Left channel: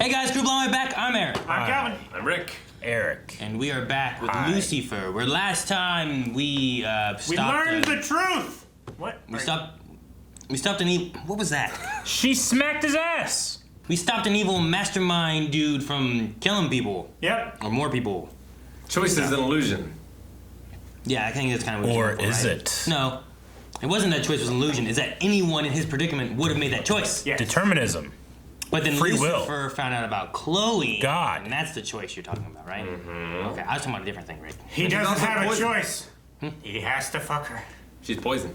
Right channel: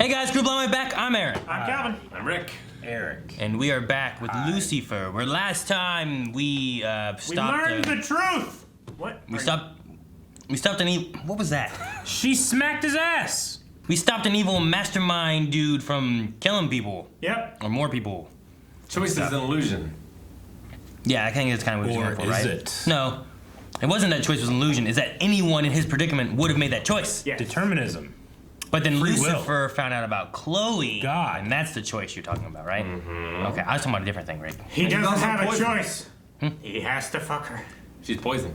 Hey guys, group all the way back. I'm Aaron. I'm Calvin. I'm Rick. Eric. And we are back with Lucifer, where last time we stopped... We learned the truth! What? We stopped an evil... What was that? She smacked his ass! We stopped an evil mastermind dude from killing people. Yep. Or more people. Choice is an illusion. Yeah, I think that's kind of what you're Or is right? it? No. It wasn't that choice was an illusion. It's that anyone in his predicament would have made that choice. Yes. Determinism. But then Free Lucifer found out about Chloe. God. And that's the choice you're talking about, right? Mm-hmm. Okay, I was talking about a different thing, Rick. He doesn't have poison. a choice. He has to fuck her. She's poison.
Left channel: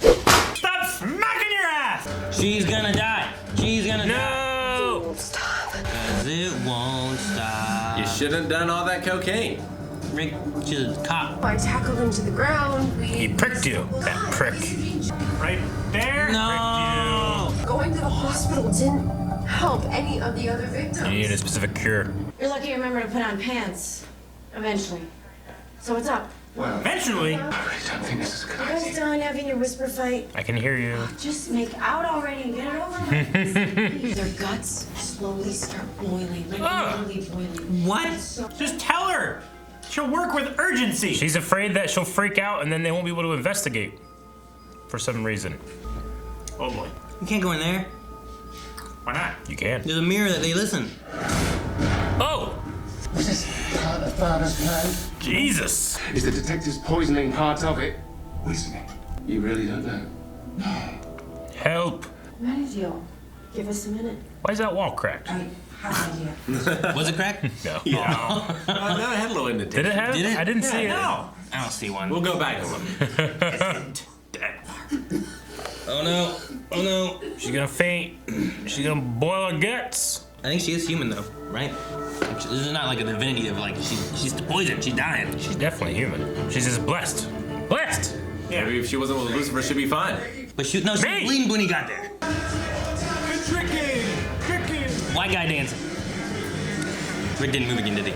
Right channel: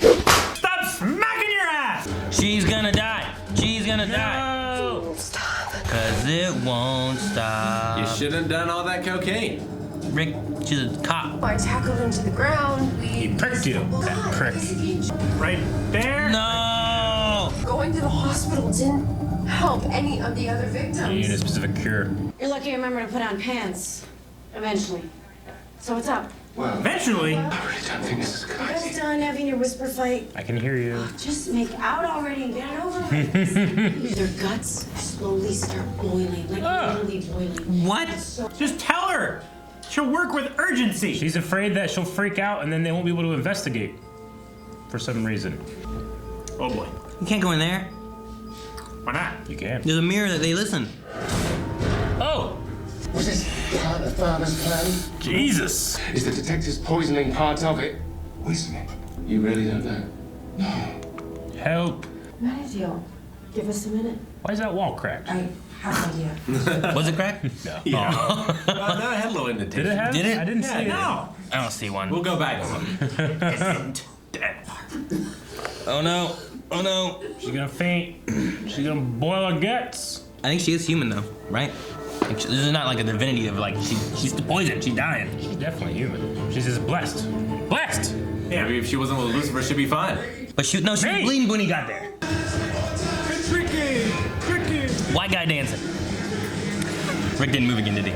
Stop smacking your ass! She's gonna die. She's gonna die. No! Stop. Cause it won't stop. You shouldn't have done all that cocaine. Rick, she's a cop. I tackled him to the ground. He pricked you, that prick. Right there. No! Going to the hospital didn't help any of the other victims. You need a specific cure. You're lucky you remember to put on pants. Eventually. So what's up? Well, eventually. I really don't think this is a good You guys idea. done having your whisper fight? I can hear you. Just make out already and get it over with. Their guts slowly start boiling, like literally boiling. What? Just tell her. She'll work with urgency. She's afraid that she'll freak out and then they won't be able to investigate. For some reason. Oh boy. You can't go in there. Why not? You can. There's a mirror that they listen. Oh! Was this part of Father's plan? Jesus! Is the detective's poisoning part of it? Poisoning? You really don't know? No. Help! Marietta, give us a minute. Why is that wall cracked? I have an idea. Was it cracked? No. Yeah. No, it had a little indentation. Did it have? Did it? I didn't see it. No. I don't see one. We'll go back. Oh no. Oh no. She's gonna faint. She's gonna boil her guts. I think she is human though, right? Like, this is not like a divinity of like she's poisoned, she's dying. She's definitely human. She's just blessed. Blessed! Yeah. Maybe if she wasn't with Lucifer, she'd be fine. But she was Hey! bleeding when he got there. Tricky. Tricky. White guy dancing. Rick didn't move again, did he?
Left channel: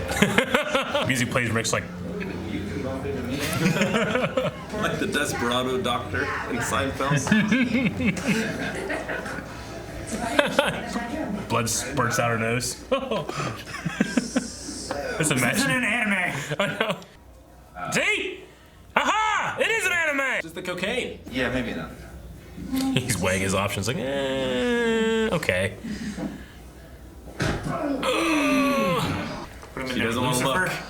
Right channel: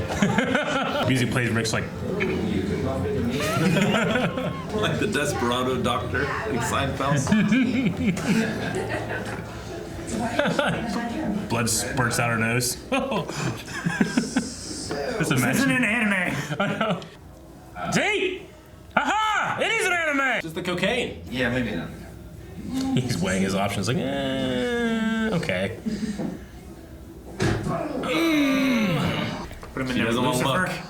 Music plays, Rick's like... Like the Desperado doctor in Seinfeld. Blood spurts out her nose. That's a This mess. isn't an anime. I know. See? Aha! It is an anime! Just the cocaine. Yeah, maybe not. He's weighing his options like, okay. Put him in He there doesn't with want to look. Lucifer.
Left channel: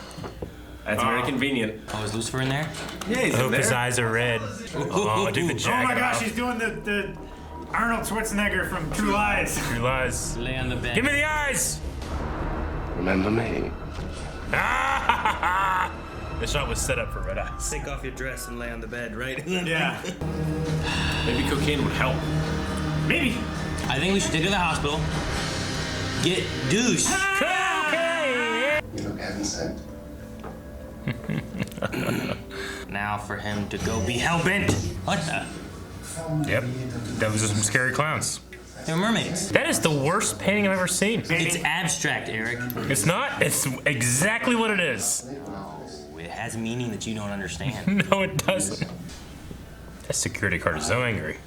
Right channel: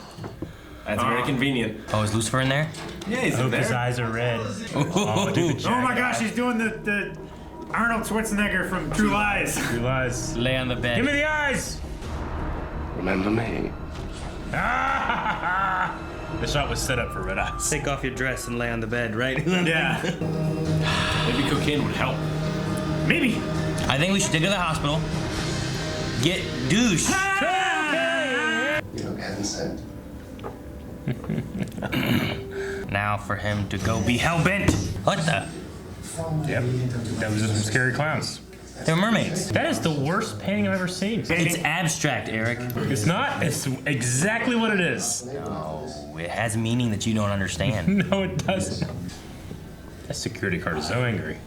That's very convenient. Oh, is Lucifer in there? Yeah, he's I in hope his there. eyes are red. Oh, do the Oh jacket my gosh, off. he's doing the Arnold Schwarzenegger from True Lies. True lies. Lay on the bed. Give me the eyes! Remember me? Ah! The shot was set up for red eyes. Take off your dress and lay on the bed, right? Yeah. Maybe cocaine would help. Maybe. I think we should take her to the hospital. Get douche. You look heaven sent. Now for him to go be hellbent. What the? Yep. That was just some scary clowns. They're mermaids. That is the worst painting I've ever seen. It's abstract, Eric. It's not. It's exactly what it is. No, it has meaning that you don't understand. No, it doesn't. That security guard is so angry.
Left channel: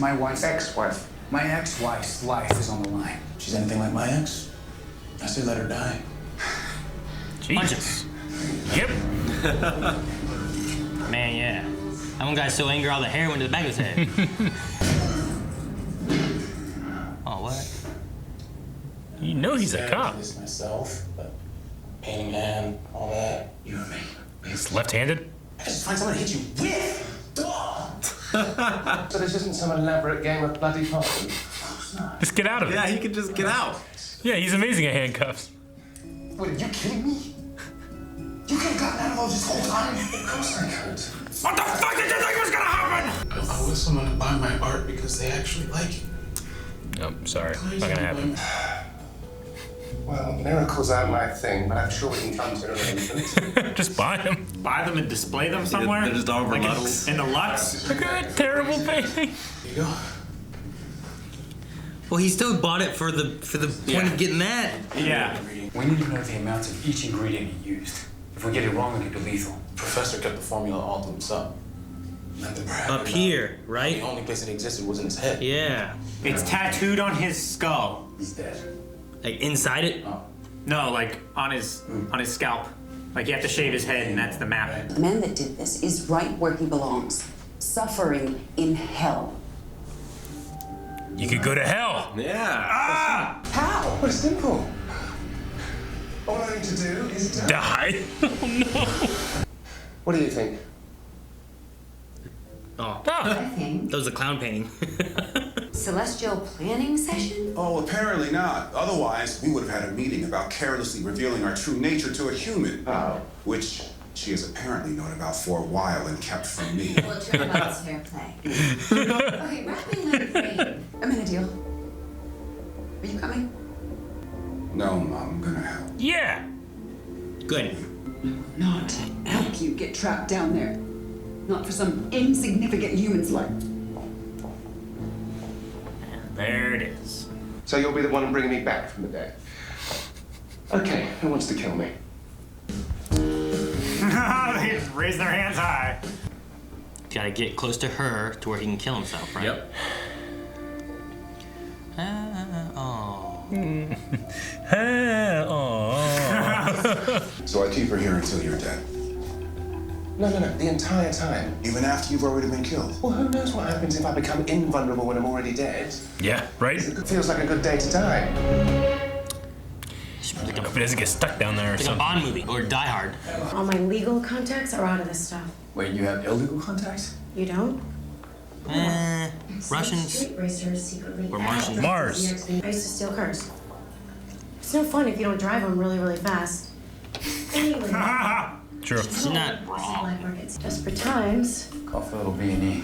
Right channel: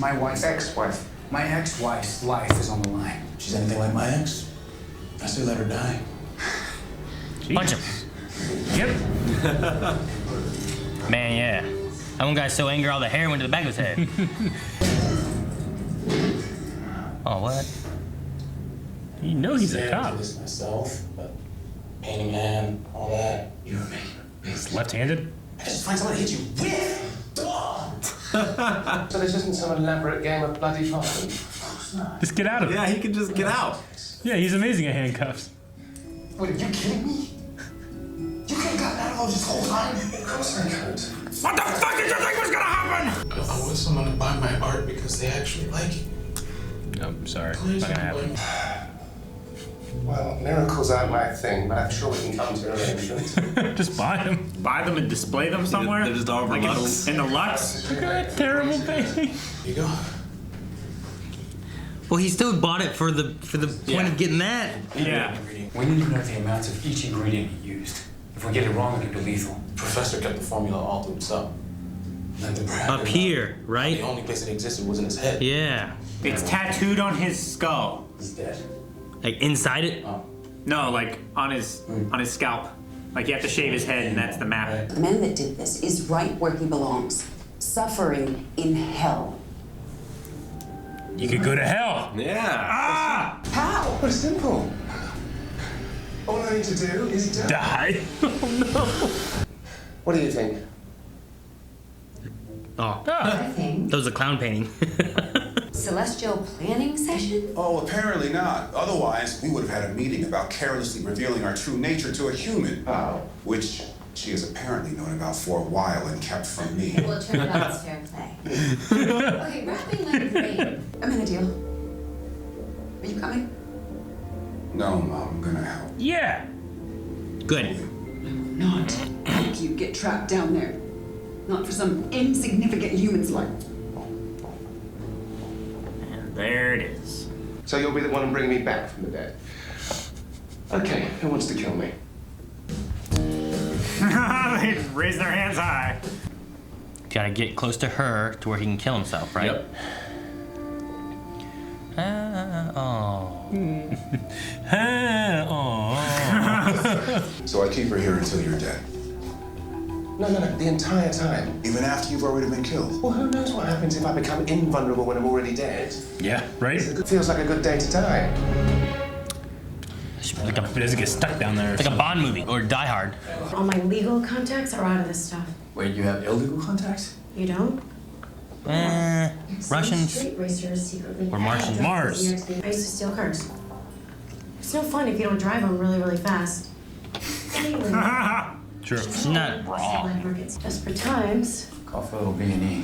My wife's Ex-wife. my ex-wife's life is on the line. She's anything like my ex, I say let her die. Punch us. Yep. Man, yeah. That one guy's so angry all the hair went to the back of his head. Oh, what? You know he's a cop. This myself, but painting hand, all that. You and me. He's left-handed. I just find someone to hit you with. So this isn't some elaborate game of bloody possum. Just get out of it. Yeah, he could just get out. Yeah, he's amazing at handcuffs. Wait, are you kidding me? You could have gotten out of those this whole time. Of course I could. What the fuck did you think was gonna happen? I want someone to buy my art because they actually like it. No, sorry. Not gonna happen. Well, miracles aren't my thing, but I'm sure we can come to an arrangement. Just buy him. Buy them and display them somewhere? They're just all over models. In the Lux? Good, terrible painting. Here you go. Well, he still bought it for the point of getting that. Yeah. We need to know the amounts of each ingredient he used. If we get it wrong, it could be lethal. Professor kept the formula all to himself. Nothing perhaps. Up here, The right? only place it existed was in his head. Yeah. It's tattooed on his skull. He's dead. Like inside it? No, like on his scalp. Like you have to shave his head, and that's the map. The man that did this is right where he belongs, suffering in hell. You could go to hell. Yeah. How? Well, it's simple. All I need to do is die. Die. Oh no. What do you think? Oh, I think. that was a clown painting. Celestial planning session? Oh, apparently not. Otherwise, we would have had a meeting about carelessly revealing our true nature to a human. Oh. Which she has apparently known about for a while and kept from me. Well, it turned out it's fair play. Okay, wrapping my brain. I'm in a deal. Are you coming? No, Mom, I'm gonna help. Yeah. Good. Not help you get trapped down there. Not for some insignificant human's life. And there it is. So you'll be the one bringing me back from the dead. Okay, who wants to kill me? They raise their hands high. Gotta get close to her to where he can kill himself, right? Yep. So I keep her here until you're dead. No, the entire time. Even after you've already been killed. Well, who knows what happens if I become invulnerable when I'm already dead? Yeah, right? It feels like a good day to die. Like If it doesn't get stuck down there or like a something. Bond movie or Die Hard. All my legal contacts are out of this stuff. Wait, you have illegal contacts? You don't? Russians. Street racers secretly. Or Martians. Mars. I used to steal cars. It's no fun if you don't drive them really, really fast. Anyway. Sure. She's not. Black markets. Desperate times. Call for a little B&E.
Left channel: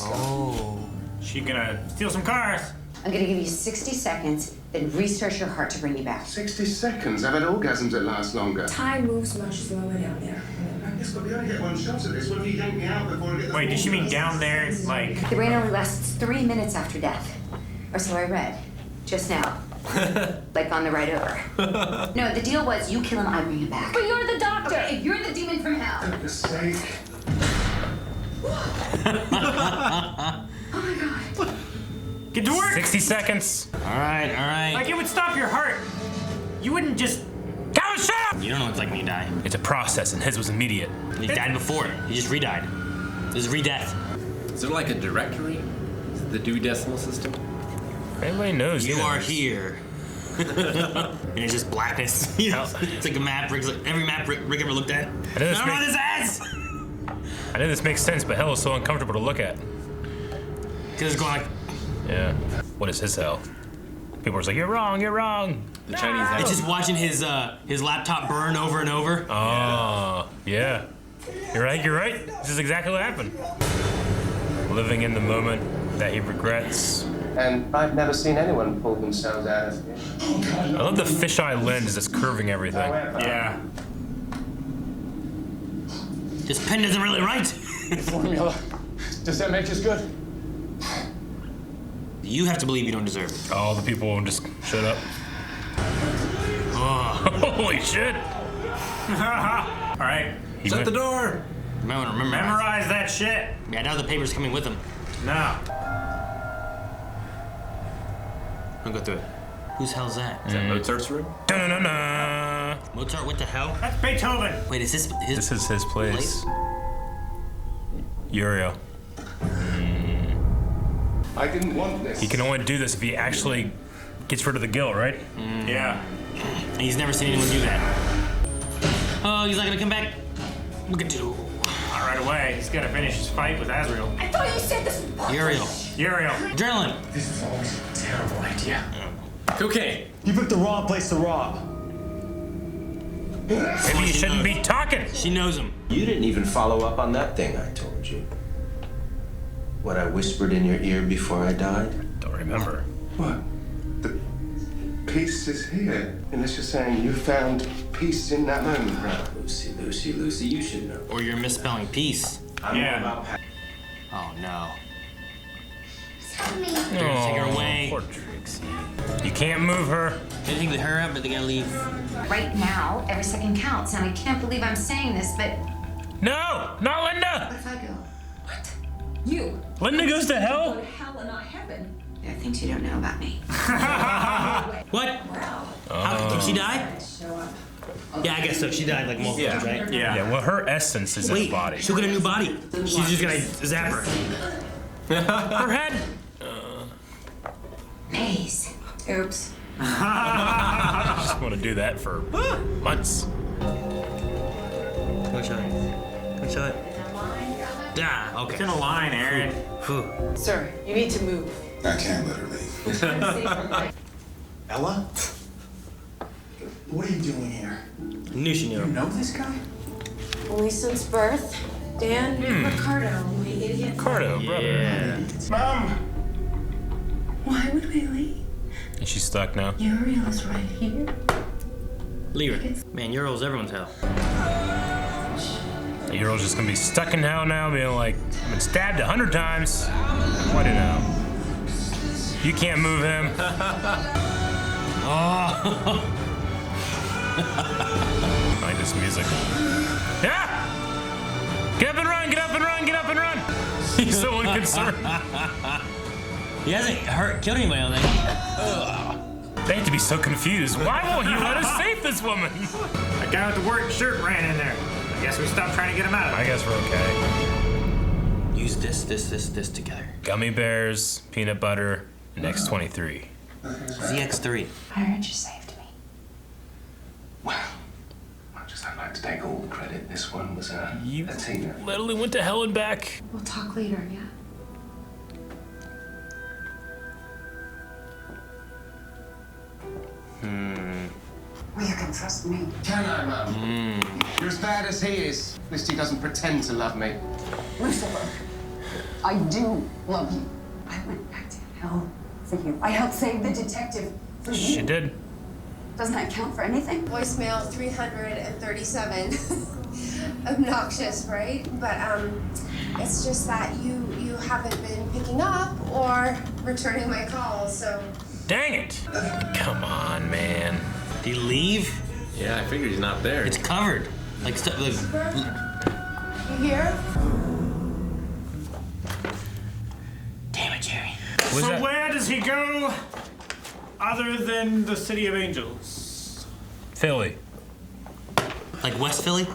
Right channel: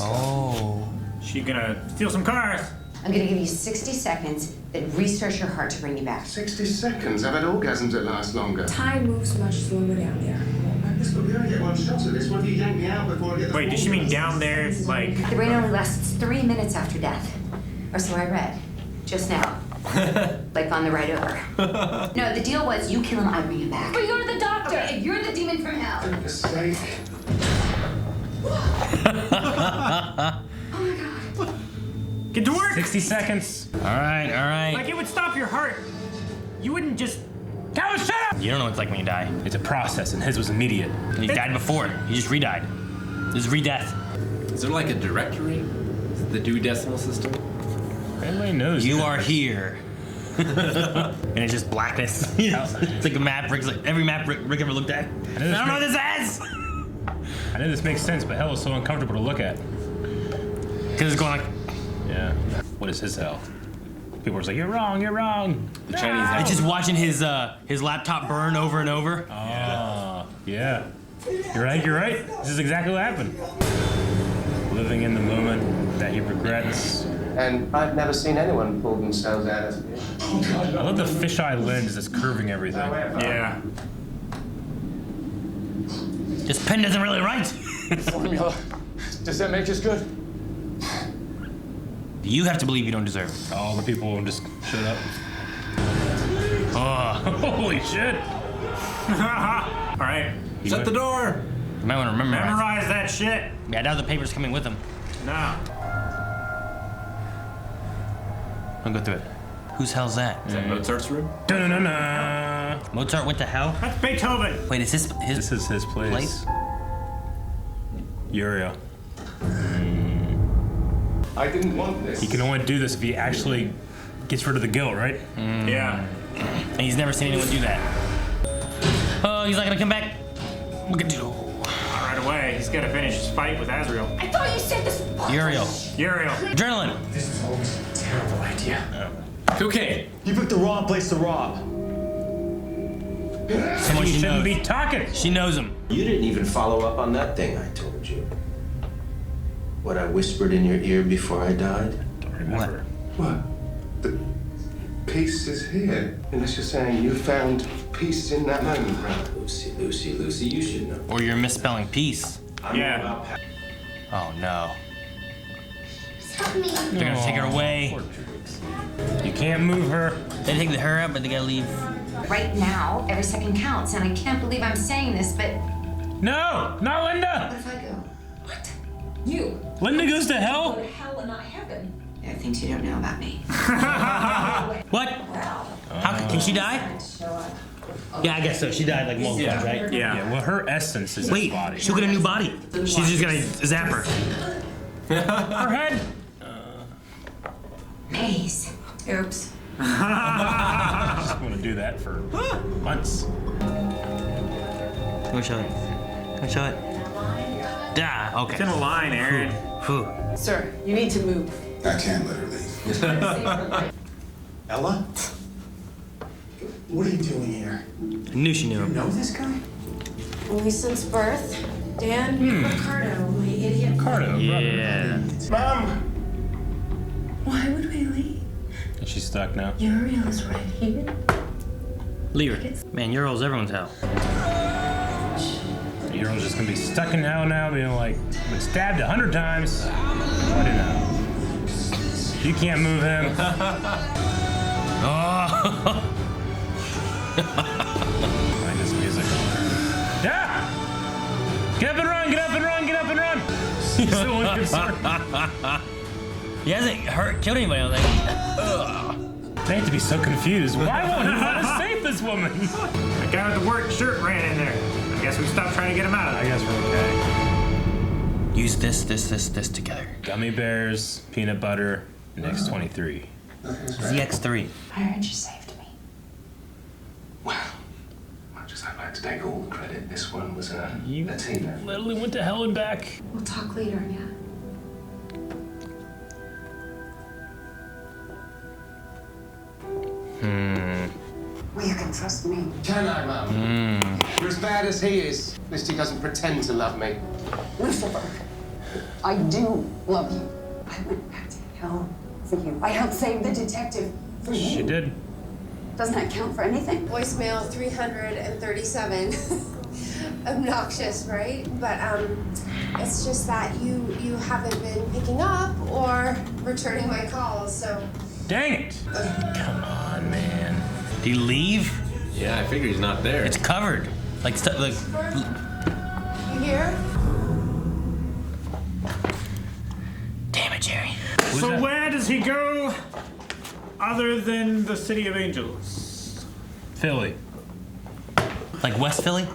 Oh. She gonna steal some cars. I'm gonna give you 60 seconds, then restart your heart to bring you back. 60 seconds. I've had orgasms that last longer. Time moves much slower down there. But we only get one shot at this. What if you yank me out before I get the Wait, does she mean down there? Like, The brain only lasts 3 minutes after death. Or so I read. Just now. Like on the ride over. No, the deal was you kill him, I bring him back. But you're the doctor! Okay, you're the demon from hell. mistake? get to work. 60 seconds. All right. Like it would stop your heart. You wouldn't just. Go, shut up! You don't know what it's like when you die. It's a process, and his was immediate. You died before. You just re-died. This is re-death. Is there like a directory? Is it the Dewey Decimal System? Everybody knows. You are here. And it's just blackness. You know, it's like a map. Rick's like every map Rick ever looked at. I this don't know makes- this ass. I know this makes sense, but hell is so uncomfortable to look at. Because it's going like. Yeah. What is his hell? People are just like, you're wrong, you're wrong. The Chinese It's just watching his laptop burn over and over. Oh, yeah. You're right. This is exactly what happened. Living in the moment that he regrets. And I've never seen anyone pull themselves out of it. I love the fisheye lens that's curving everything. However, Yeah. This pen doesn't really write. Formula. Does that make us good? You have to believe you don't deserve it. All the people will just shut up. Oh, holy shit. All right. Shut the door! You might want to remember. Memorize that shit. Yeah, now the paper's coming with him. No. I'll go through it. Whose hell's that? Is that Mozart's room? Da-na-na-na. Mozart went to hell? That's Beethoven. Wait, is this his? This is his place. Uriel. I didn't want this. He can only do this if he actually gets rid of the guilt, right? Yeah. And he's never seen anyone do that. Oh, he's not gonna come back. Look at you. Right away. He's gotta finish his fight with Azrael. I thought you said this. Uriel. Uriel. Adrenaline. This is always a terrible idea. Cocaine. You picked the wrong place to rob. You shouldn't be talking. She knows him. You didn't even follow up on that thing I told you. What I whispered in your ear before I died? Don't remember. What? The peace is here. Unless you're saying you found peace in that moment, brother. Lucy, you should know. Or you're misspelling peace. I'm Yeah. all about Oh no. Help me. They're gonna take her away. Poor Trix. You can't move her. They think they hurry up, but they gotta leave. Right now, every second counts, and I can't believe I'm saying this, but No, not Linda. What if I go? what? You? Linda goes to Go hell. to hell and not heaven. There are things you don't know about me. What? How can she die? Yeah, I guess so. She died like multiple times, right? Yeah, well, her essence is in his body. She'll get a new body. She's just gonna zap her. Her head. Maze. Oops. I just want to do that for months. Come show it. Come show it. Ah, okay. It's in a line, Aaron. Sir, you need to move. I can't let her leave. Ella? What are you doing here? I knew she knew You him. know this guy? Only since birth. Dan Ricardo, my idiot. Ricardo, brother. Mom! Why would we leave? And she's stuck now. Uriel is right here. Leave her. Man, Ural's everyone's hell. Uriel's just gonna be stuck in hell now, being like, been stabbed 100 times. What do you know? You can't move him. Oh. I like this music. Yeah! Get up and run, get up and run, get up and run! He's so unconcerned. He hasn't killed anybody on that. They have to be so confused. Why won't he let us save this woman? That guy with the work shirt ran in there. I guess we stopped trying to get him out of I there. guess we're okay. Use this together. Gummy bears, peanut butter, and X23. ZX3. I heard you saved me. Well, much as I'd like to take all the credit, this one was a team effort. Literally went to hell and back. We'll talk later, yeah? Well, you can trust me. Can I, Mum? You're as bad as he is. At least he doesn't pretend to love me. Lucifer, I do love you. I went back to hell for you. I helped save the detective for you. She did. Doesn't that count for anything? Voicemail 337. Obnoxious, right? But it's just that you haven't been picking up or returning my calls, so. Dang it! Come on, man. Do you leave? Yeah, I figure he's not there. It's covered. Like stuff like. You here? Damn it, Jerry. So where does he go other than the City of Angels? Philly. Like West Philly?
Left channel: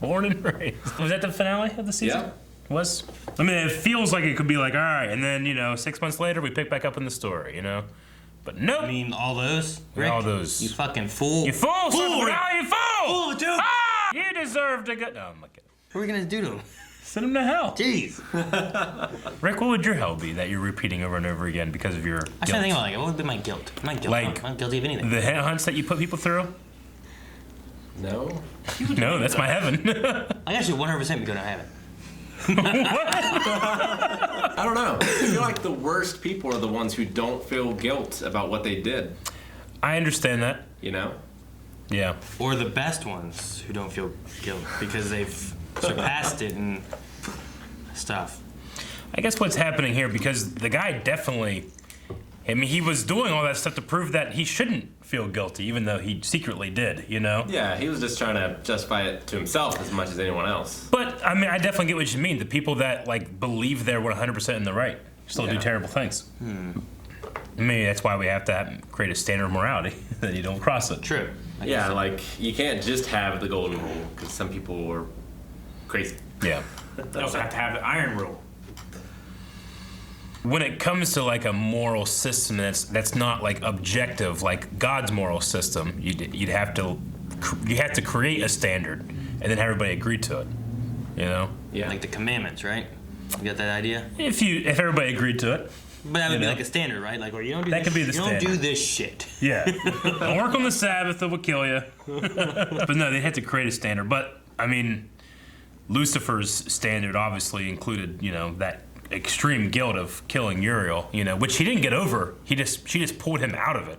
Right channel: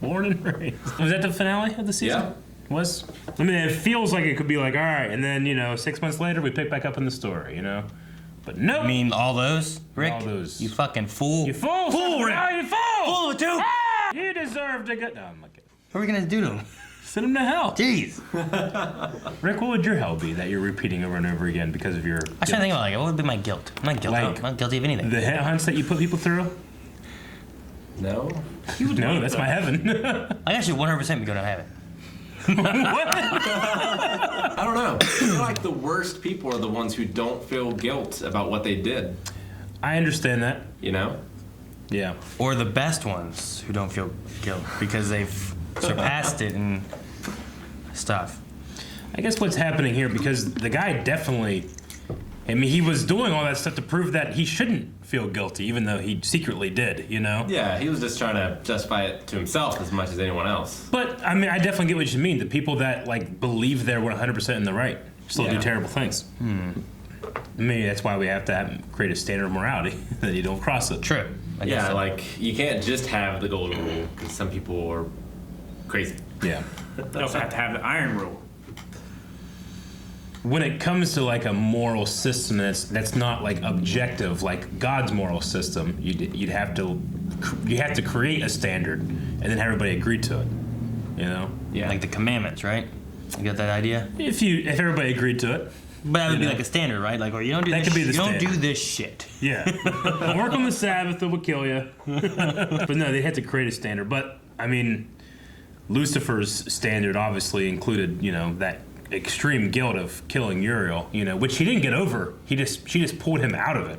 Born and raised. Was that the finale of the season? Yeah. Was? I mean, it feels like it could be like, all right, and then, 6 months later, we pick back up in the story, But nope. I mean, all those? Rick? All those. You fucking fool. You fool! Fool, Rick! No, you fool! Fool, dude! Ah! You deserve to get. No, I'm looking. What are we gonna do to him? Send him to hell. Jeez. Rick, what would your hell be that you're repeating over and over again because of your I was trying to think about what would be my guilt? I'm not guilty. Like, I'm not guilty of anything. the headhunts that you put people through? No? No, that's my heaven. I actually 100% be going to heaven. I don't know. I feel like the worst people are the ones who don't feel guilt about what they did. I understand that. You know? Yeah. Or the best ones who don't feel guilt because they've surpassed it and stuff. I guess what's happening here, because the guy definitely, he was doing all that stuff to prove that he shouldn't feel guilty, even though he secretly did, Yeah, he was just trying to justify it to himself as much as anyone else. But, I definitely get what you mean. The people that, believe they're 100% in the right still do terrible things. Maybe that's why we have to create a standard of morality, that you don't cross it. True. You can't just have the golden rule, because some people are crazy. Yeah. You also have to have the iron rule. When it comes to a moral system that's not objective, like God's moral system, you have to create a standard and then have everybody agree to it. Yeah. Like the commandments, right? You got that idea? If everybody agreed to it. But that would be like a standard, right? Or you don't do that this. Could be the you don't standard. do this shit. Yeah. Don't work on the Sabbath; it will kill you. But no, they had to create a standard. But Lucifer's standard obviously included, that extreme guilt of killing Uriel, which he didn't get over. She just pulled him out of it.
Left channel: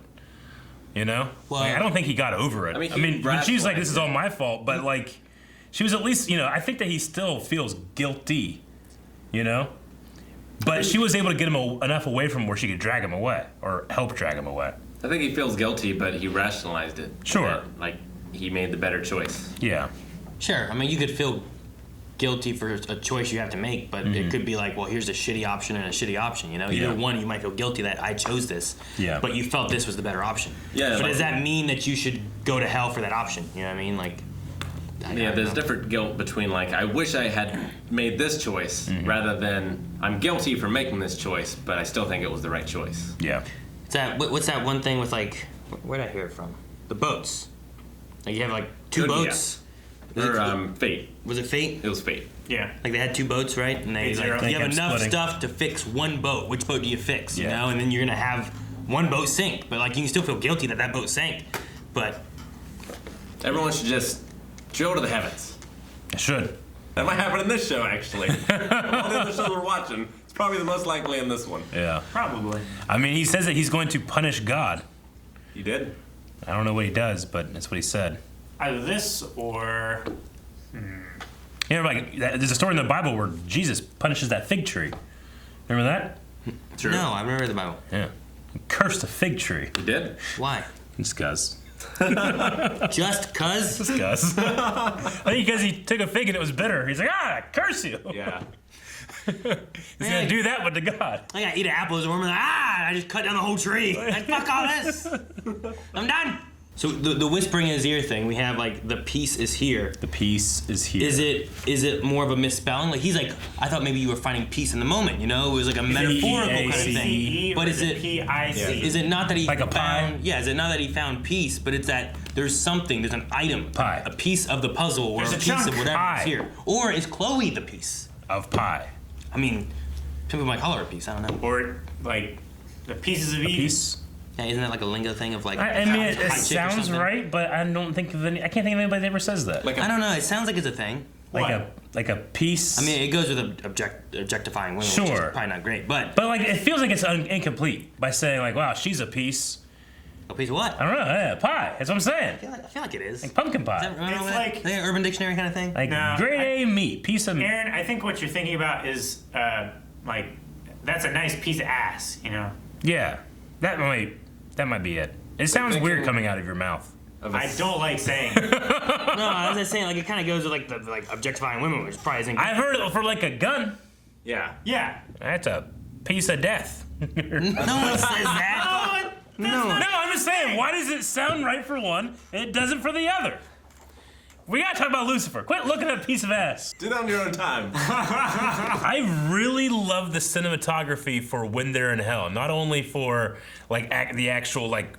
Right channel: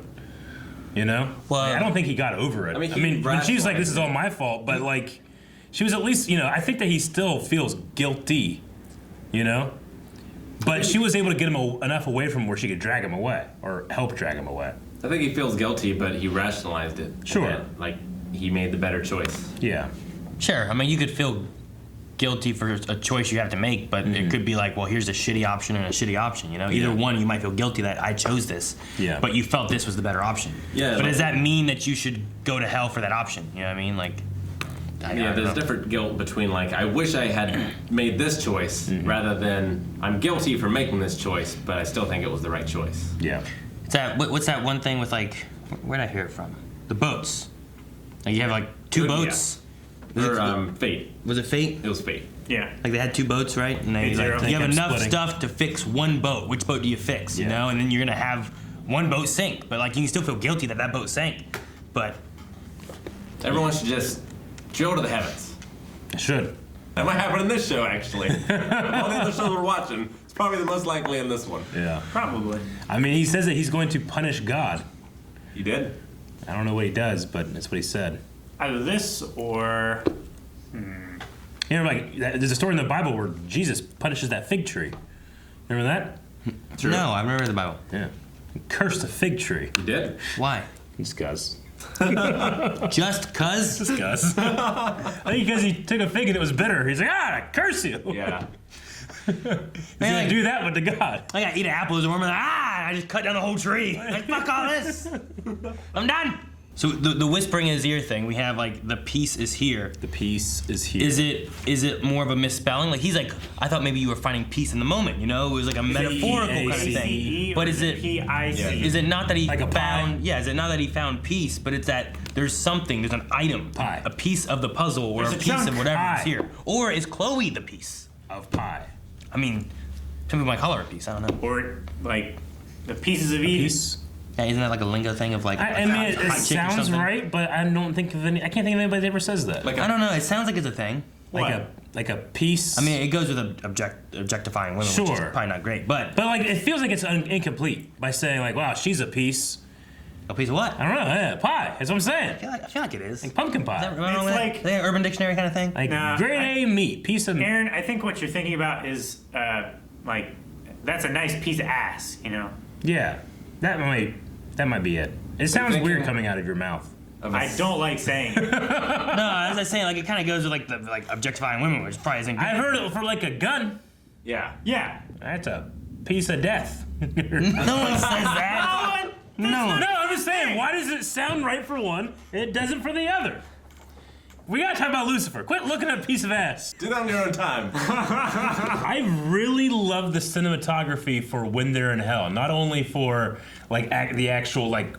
Well, I don't think he got over it. She's like, "This is all my fault," but she was at least, I think that he still feels guilty, But she was able to get him enough away from where she could drag him away or help drag him away. I think he feels guilty, but he rationalized it. Sure. He made the better choice. Yeah. Sure. You could feel guilty for a choice you have to make, but it could be like, well, here's a shitty option and a shitty option, you know? Either one, you might feel guilty that I chose this, but you felt this was the better option. Yeah. So does that mean that you should go to hell for that option? You know what I mean? Like, there's different guilt between like, I wish I had made this choice rather than I'm guilty for making this choice, but I still think it was the right choice. Yeah. What's that one thing with like, where'd I hear it from? The boats. Like you have like two boats. Or Fate. Was it Fate? It was Fate. Yeah. Like they had two boats, right? And they like, you have enough stuff to fix one boat. Which boat do you fix? You know, and then you're gonna have one boat sink, but like you can still feel guilty that that boat sank. But everyone should just drill to the heavens. It should. That might happen in this show, actually. All the other shows we're watching, it's probably the most likely in this one. Yeah. Probably. I mean, he says that he's going to punish God. He did. I don't know what he does, but that's what he said. Either this or... You know, like, there's a story in the Bible where Jesus punishes that fig tree. Remember that? True. No, I remember the Bible. Yeah. He cursed the fig tree. He did? Why? Just cuz. Just cuz? Just cuz. I think because he took a fig and it was bitter. He's like, I curse you. Yeah. He's gonna do that with the God. I gotta eat an apple as a worm. Like, I just cut down the whole tree. Like, fuck all this. I'm done. So the whispering in his ear thing, we have like the peace is here. The peace is here. Is it more of a misspelling? Like he's like, I thought maybe you were finding peace in the moment. You know, it was like a metaphorical kind of thing. But is it P-I-C? Is it not that he like a found? pie? Yeah, is it not that he found peace? But it's that there's something. There's an item, pie, a piece of the puzzle, or there's a piece of whatever pie. is here. Or is Chloe the piece of pie? I mean, people might call her a piece. I don't know. Or like the pieces of Eve. Yeah, isn't that like a lingo thing of like? I mean, it sounds right, but I don't think of any. I can't think of anybody that ever says that. I don't know. It sounds like it's a thing. Like a piece. I mean, it goes with objectifying women, which is probably not great. But like it feels like it's incomplete by saying like, wow, she's a piece. A piece of what? I don't know. Yeah, pie. That's what I'm saying. I feel like it is. Like pumpkin pie. Is that, it's like an Urban Dictionary kind of thing. Like grade A meat, piece of meat. Aaron, I think what you're thinking about is like that's a nice piece of ass, you know. Yeah, that might be it. It sounds weird coming out of your mouth. I don't like saying it. No, as I was saying, like it kind of goes with like the objectifying women, which probably isn't. I've heard it for like a gun. Yeah. Yeah. That's a piece of death. No one says that. No, I'm just saying. Why does it sound right for one and it doesn't for the other? We gotta talk about Lucifer. Quit looking at a piece of ass. Do that on your own time. I really love the cinematography for When They're in Hell. Not only for like the actual like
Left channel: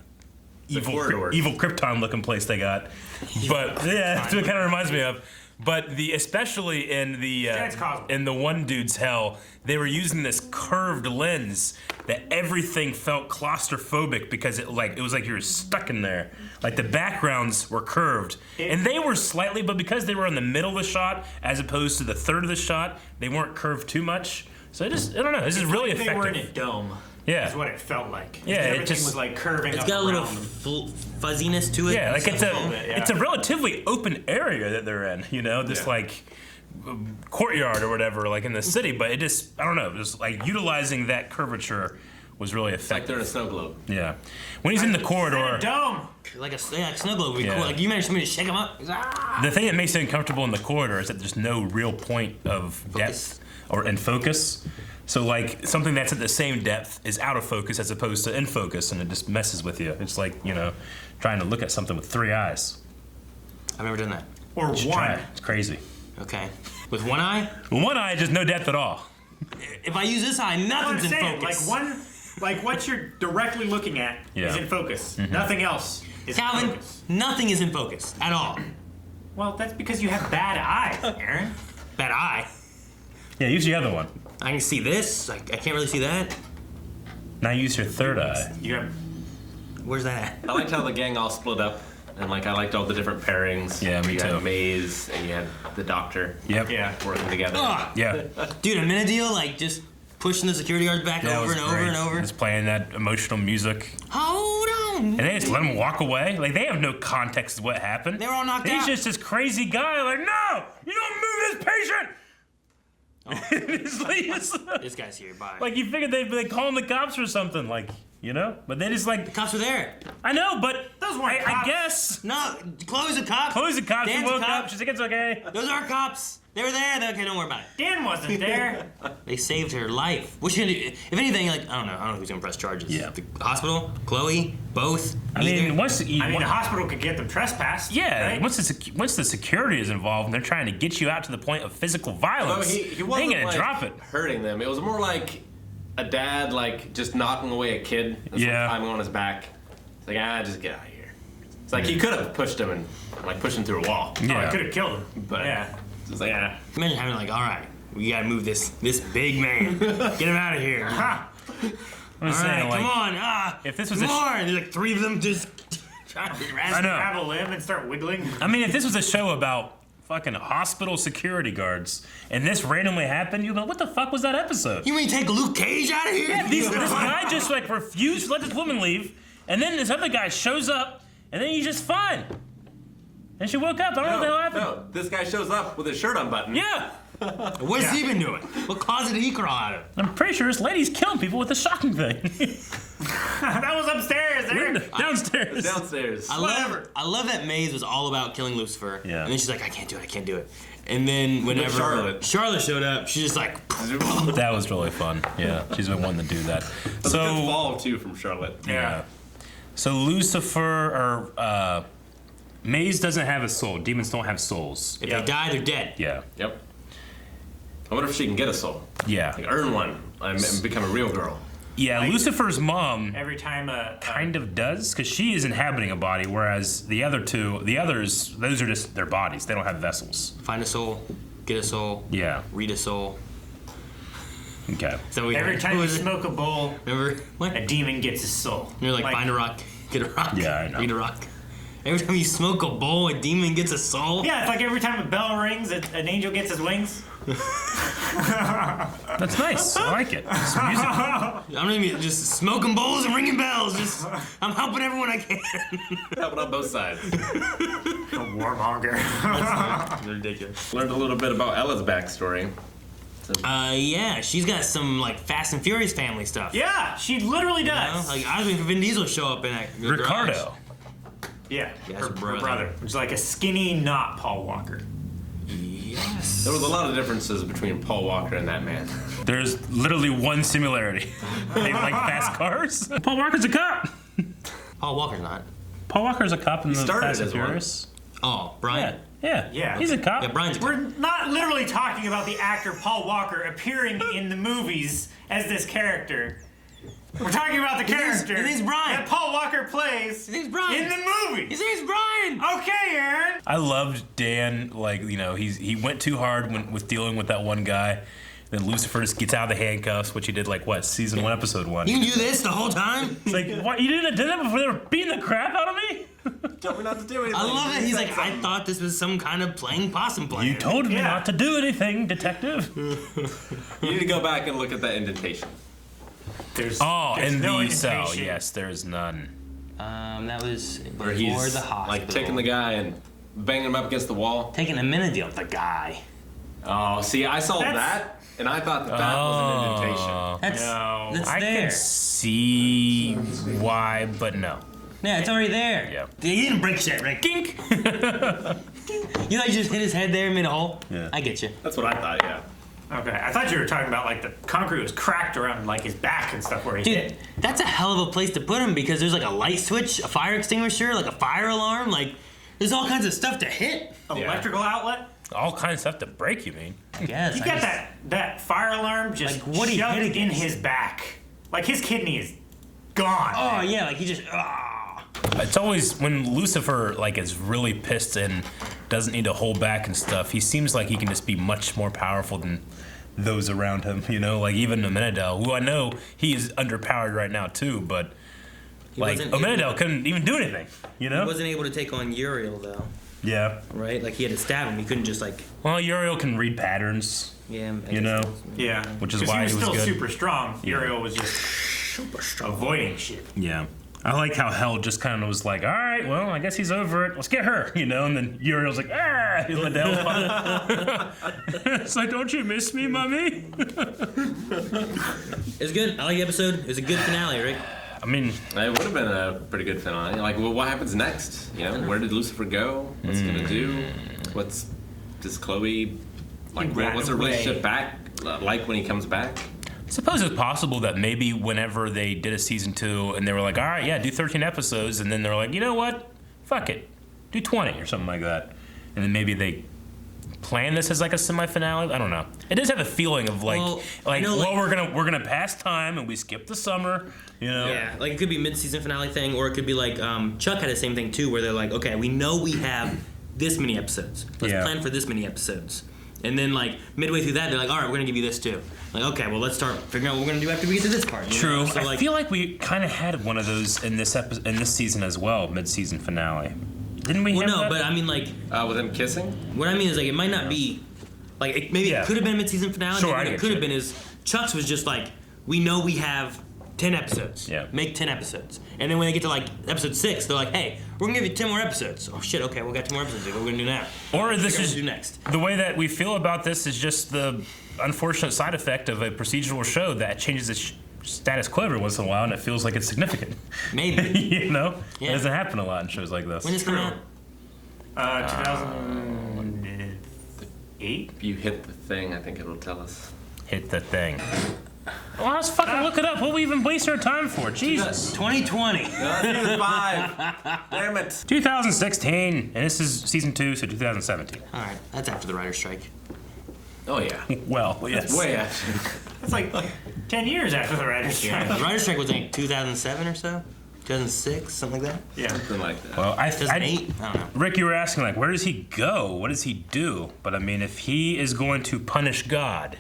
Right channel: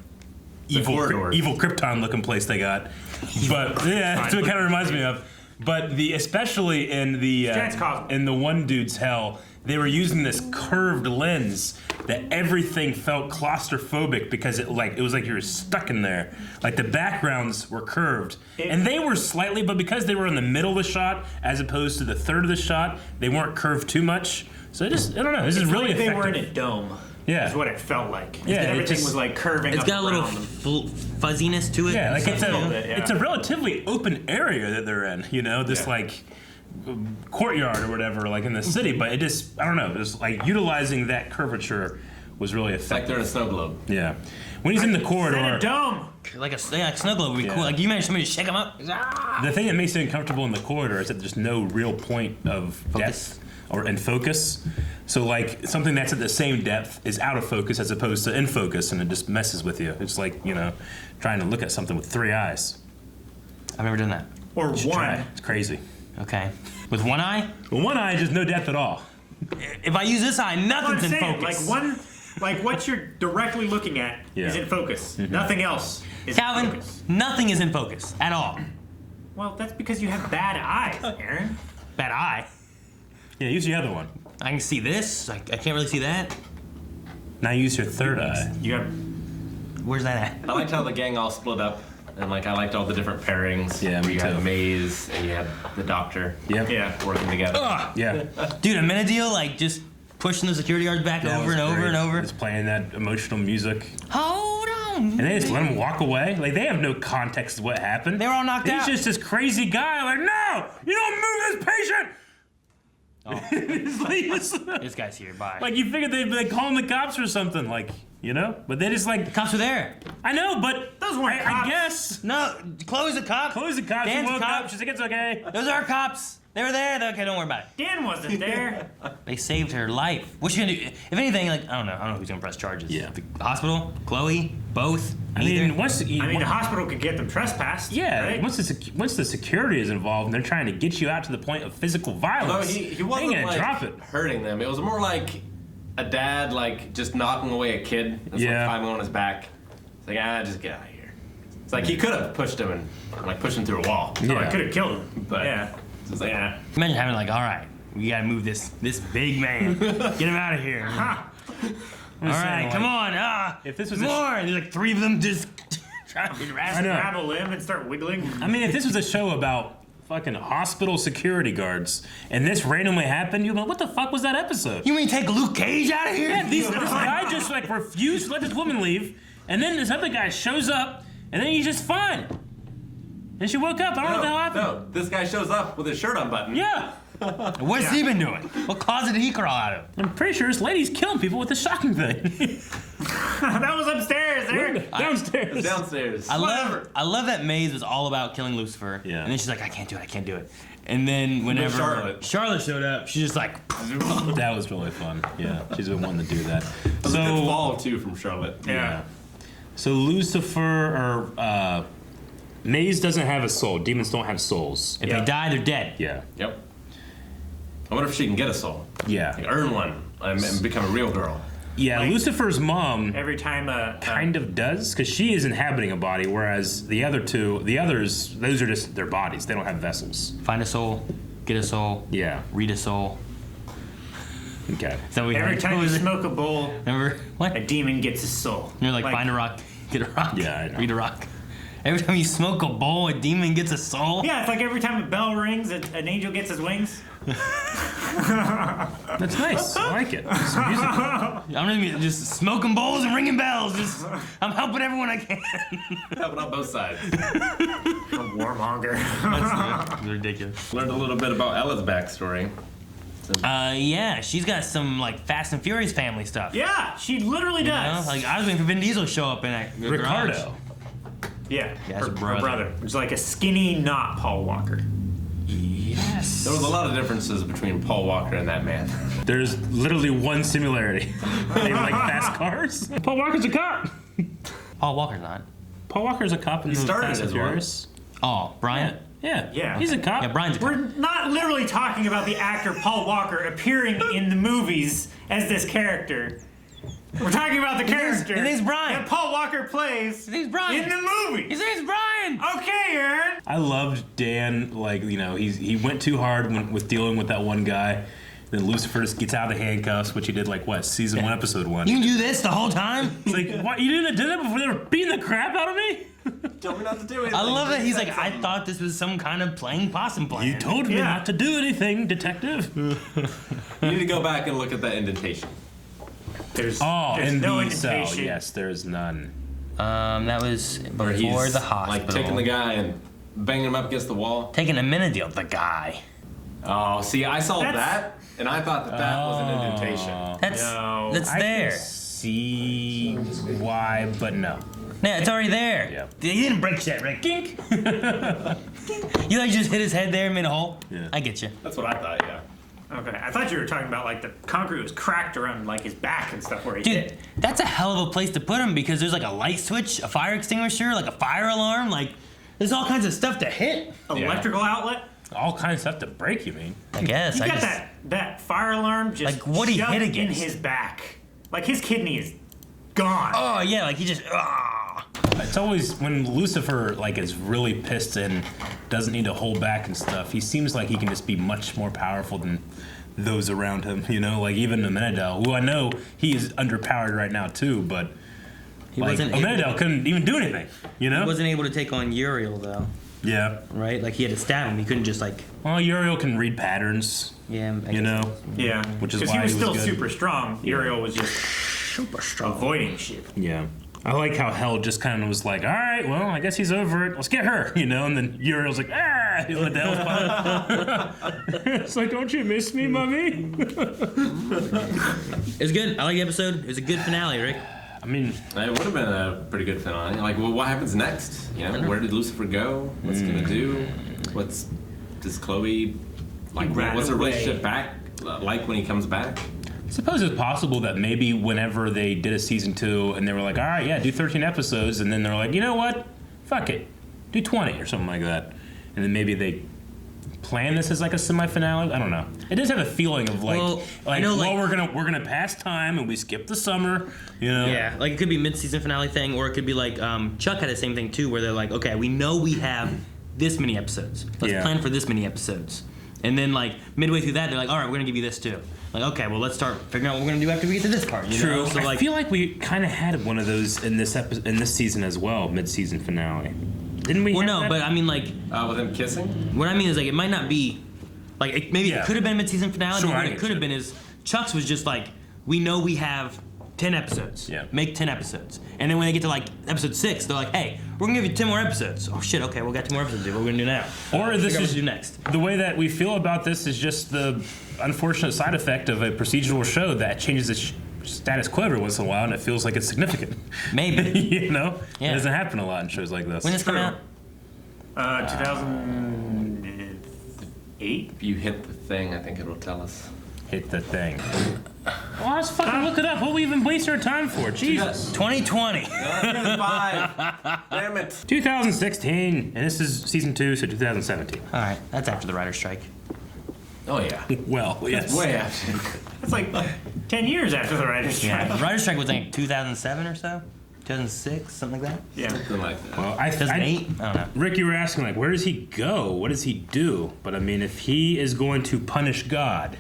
evil Krypton looking place they got, but yeah, that's what it kind of reminds me of. But especially in the one dude's hell, they were using this curved lens that everything felt claustrophobic because it was like you were stuck in there. Like the backgrounds were curved, and they were slightly, but because they were in the middle of the shot as opposed to the third of the shot, they weren't curved too much. So I don't know. This is really effective. They were in a dome. Yeah, is what it felt like. Yeah, everything was like curving. It's up got a little fuzziness to it. Yeah, like it's a relatively open area that they're in. You know, this like courtyard or whatever, like in the city. But it just, I don't know, just like utilizing that curvature was really effective. Like they're in a snow globe. Yeah, when he's in the corridor. Dome. Like a snow globe would be cool. Like you managed somebody to shake him up. The thing that makes it uncomfortable in the corridor is that there's no real point of depth and focus. So like something that's at the same depth is out of focus as opposed to in focus, and it just messes with you. It's like, you know, trying to look at something with 3 eyes. I've never done that. Or one. Try. It's crazy. Okay. With one eye? With one eye, just no depth at all. If I use this eye, nothing's in focus. Like what you're directly looking at is in focus. Mm-hmm. Nothing else is in focus. Nothing is in focus at all. Well, that's because you have bad eyes, Aaron. Bad eye? Yeah, use the other one. I can see this. I can't really see that. Now use your third eye. Where's that at? I liked how the gang all split up, and like I liked all the different pairings. Yeah, you had Maze and you had the doctor. Yep. Yeah, working together. Yeah. Dude, a minute deal, like just pushing the security guards back over and over and over. Just playing that emotional music. Hold on. And they just let him walk away. Like they have no context of what happened. They were all knocked out. He's just this crazy guy. Like, no, you don't move this patient. This guy's here. Bye. Like you figured they'd call the cops or something, like, you know? But they just like the cops were there. I know, but those weren't I guess no. Chloe's a cop. Chloe's a cop. She Dan's woke a cop. up. She's like, it's okay. Those are cops. They were there. They're okay. Don't worry about it. Dan wasn't there. They saved her life. What's she gonna do? If anything, like I don't know who's gonna press charges. Yeah. The hospital, Chloe, both. I mean, the hospital could get them trespassed. Yeah. Right? Once the security is involved, and they're trying to get you out to the point of physical violence. Although he wasn't they ain't gonna like drop it. hurting them. It was more like a dad like just knocking away a kid and climbing on his back. It's like just get out of here. It's like he could have pushed him and like pushed him through a wall. Yeah. I could have killed him. But it's like Imagine having like, all right, we gotta move this big man. Get him out of here. All right, come on. If this was more, and there's like 3 of them just trying to grab a limb and start wiggling. I mean, if this was a show about fucking hospital security guards and this randomly happened, you'd be like, what the fuck was that episode? You mean take Luke Cage out of here? Yeah, this guy just like refused to let this woman leave, and then this other guy shows up, and then he's just fine. And she woke up. I don't know how happened. No, this guy shows up with his shirt unbuttoned. Yeah. What's he been doing? What closet did he crawl out of? I'm pretty sure this lady's killing people with the shocking thing. That was upstairs there. Downstairs. Downstairs. I love that Maze was all about killing Lucifer. Yeah. And then she's like, I can't do it. And then whenever Charlotte showed up, she's just like, that was really fun. Yeah, she's been wanting to do that. That was a good fall too from Charlotte. Yeah. So Lucifer or Maze doesn't have a soul. Demons don't have souls. If they die, they're dead. Yeah. Yep. I wonder if she can get a soul. Yeah. Like, earn one and become a real girl. Yeah, like, Lucifer's mom every time kind of does, because she is inhabiting a body, whereas the others, those are just their bodies. They don't have vessels. Find a soul, get a soul. Yeah. Read a soul. Okay. So every time you smoke a bowl, remember what? A demon gets a soul. You're like find a rock, get a rock. Yeah, I know. Read a rock. Every time you smoke a bowl, a demon gets a soul. Yeah, it's like every time a bell rings, an angel gets his wings. That's nice. I like it. I'm gonna be just smoking bowls and ringing bells. I'm helping everyone I can. Helping on both sides. Warmonger. That's ridiculous. Learned a little bit about Ella's backstory. Yeah, she's got some like Fast and Furious family stuff. Yeah, she literally does. Like I was thinking Vin Diesel show up in that. Ricardo. Yeah, her brother. It's like a skinny, not Paul Walker. Yes. There was a lot of differences between Paul Walker and that man. There's literally one similarity. They like fast cars. Paul Walker's a cop. Paul Walker's not. Paul Walker's a cop in the Fast and Furious. Oh, Brian? Yeah. He's a cop. Yeah, Brian's a cop. We're not literally talking about the actor Paul Walker appearing in the movies as this character. We're talking about the character His name's Brian. that Paul Walker plays His name's Brian. in the movie. His name's Brian. Okay, Aaron. I loved Dan. Like, you know, he went too hard with dealing with that one guy. Then Lucifer just gets out of the handcuffs, which he did like what, season 1, episode 1. You can do this the whole time? It's like, what? You didn't have done that before they were beating the crap out of me? Told me not to do anything. I love it. He's like, I thought this was some kind of playing possum plan. You told me not to do anything, detective. You need to go back and look at that indentation. There's in no the cell. indentation. Yes, there's none. That was Where before he's the hospital. like taking the guy and banging him up against the wall. Taking a minute deal with the guy. Oh, see, I saw that, and I thought that was an indentation. That's I there. can see why, but no. Yeah, it's already there. Yep. He didn't break shit, right? Gink. You know, he just hit his head there and made a hole. Yeah. I get you. That's what I thought, yeah. Okay, I thought you were talking about like the concrete was cracked around like his back and stuff where he Dude, hit. that's a hell of a place to put him because there's like a light switch, a fire extinguisher, like a fire alarm. Like, there's all kinds of stuff to hit. Electrical outlet. All kinds of stuff to break, you mean? I guess. You got that fire alarm just Like, what he shoved hit in against. his back. Like his kidney is gone. Oh yeah, like he just. It's always when Lucifer like is really pissed and doesn't need to hold back and stuff. He seems like he can just be much more powerful than those around him. You know, like even Amenadel, who I know he is underpowered right now too, but like Amenadel couldn't even do anything. You know, He wasn't able to take on Uriel though. Yeah. Right? Like he had to stab him. He couldn't just like. Well, Uriel can read patterns. Yeah. You know. Yeah. Which is because why he was still good. super strong. Uriel was just super strong, avoiding shit. Yeah. I like how Hell just kind of was like, all right, well, I guess he's over it. Let's get her, you know? And then Uriel's like, ah! He let the hell It's like, don't you miss me, mommy? It was good. I like the episode. It was a good finale, Rick. I mean, it would have been a pretty good finale. Like, well, what happens next? You know, where did Lucifer go? What's he gonna do? Does Chloe Like, what's the relationship back like when he comes back? I suppose it's possible that maybe whenever they did a season 2 and they were like, all right, yeah, do 13 episodes, and then they're like, you know what? Fuck it. Do 20 or something like that. And then maybe they plan this as like a semi-finale. I don't know. It does have a feeling of like, we're gonna pass time and we skip the summer, you know? Yeah, like it could be mid-season finale thing, or it could be like Chuck had the same thing too, where they're like, okay, we know we have this many episodes. Let's plan for this many episodes. And then like midway through that, they're like, all right, we're gonna give you this too. Like, okay, well let's start figuring out what we're gonna do after we get to this part. You know? So, I feel like we kind of had one of those in this season as well, mid-season finale. Didn't we? Well, no, but I mean, like, with them kissing. What I mean is, like, it might not be, like, it could have been mid-season finale. Sure, what it could have been is Chuck's was just like, we know we have 10 episodes. Yeah. Make 10 episodes, and then when they get to like episode 6, they're like, hey, we're gonna give you 10 more episodes. Oh shit, okay, we got 10 more episodes. What are we gonna do now? Or this is what to do next. The way that we feel about this is just the unfortunate side effect of a procedural show that changes its status quo every once in a while, and it feels like it's significant. Maybe. You know, it doesn't happen a lot in shows like this. When does it come out? 2008. If you hit the thing, I think it'll tell us. Hit the thing. Well, let's fucking look it up. What do we even waste our time for? Jesus. 2020. Season 5. Damn it. 2016. And this is season 2, so 2017. All right, that's after the writer's strike. Oh, yeah. Well, yes. That's way after. It's like 10 years after the writer's strike. Yeah, the writer's strike was like 2007 or so? 2006, something like that? Yeah. Something like that. Well, 2008? I don't know. Rick, you were asking, like, where does he go? What does he do? But, I mean, if he is going to punish God,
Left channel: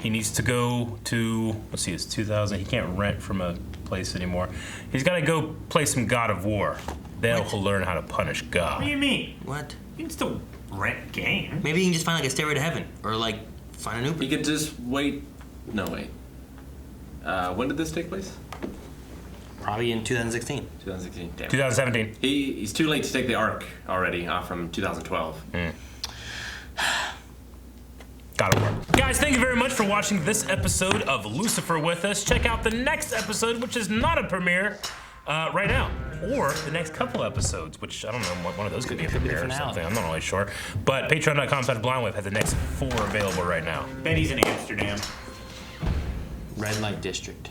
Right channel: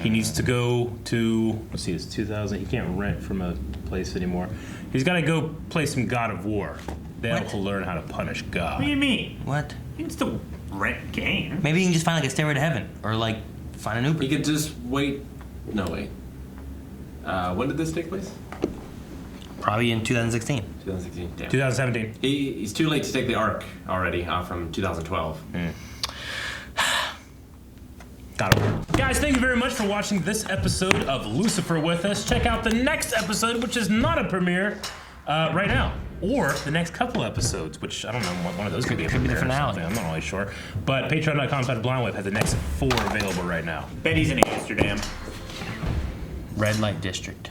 he needs to go to, let's see, it's 2000. He can't rent from a place anymore. He's got to go play some God of War. Then he'll learn how to punish God. What do you mean? What? You can still rent games. Maybe you can just find like a Stairway to Heaven, or like find an Uber. He could just wait. No, wait. When did this take place? Probably in 2016. 2016. Damn. 2017. He's too late to take the Ark already from 2012. Gotta work. Guys, thank you very much for watching this episode of Lucifer with us. Check out the next episode, which is not a premiere right now. Or the next couple episodes, which I don't know, one of those could be a premiere or something. I'm not really sure. But patreon.com/blindwave has the next 4 available right now. Betty's in Amsterdam. Red Light District.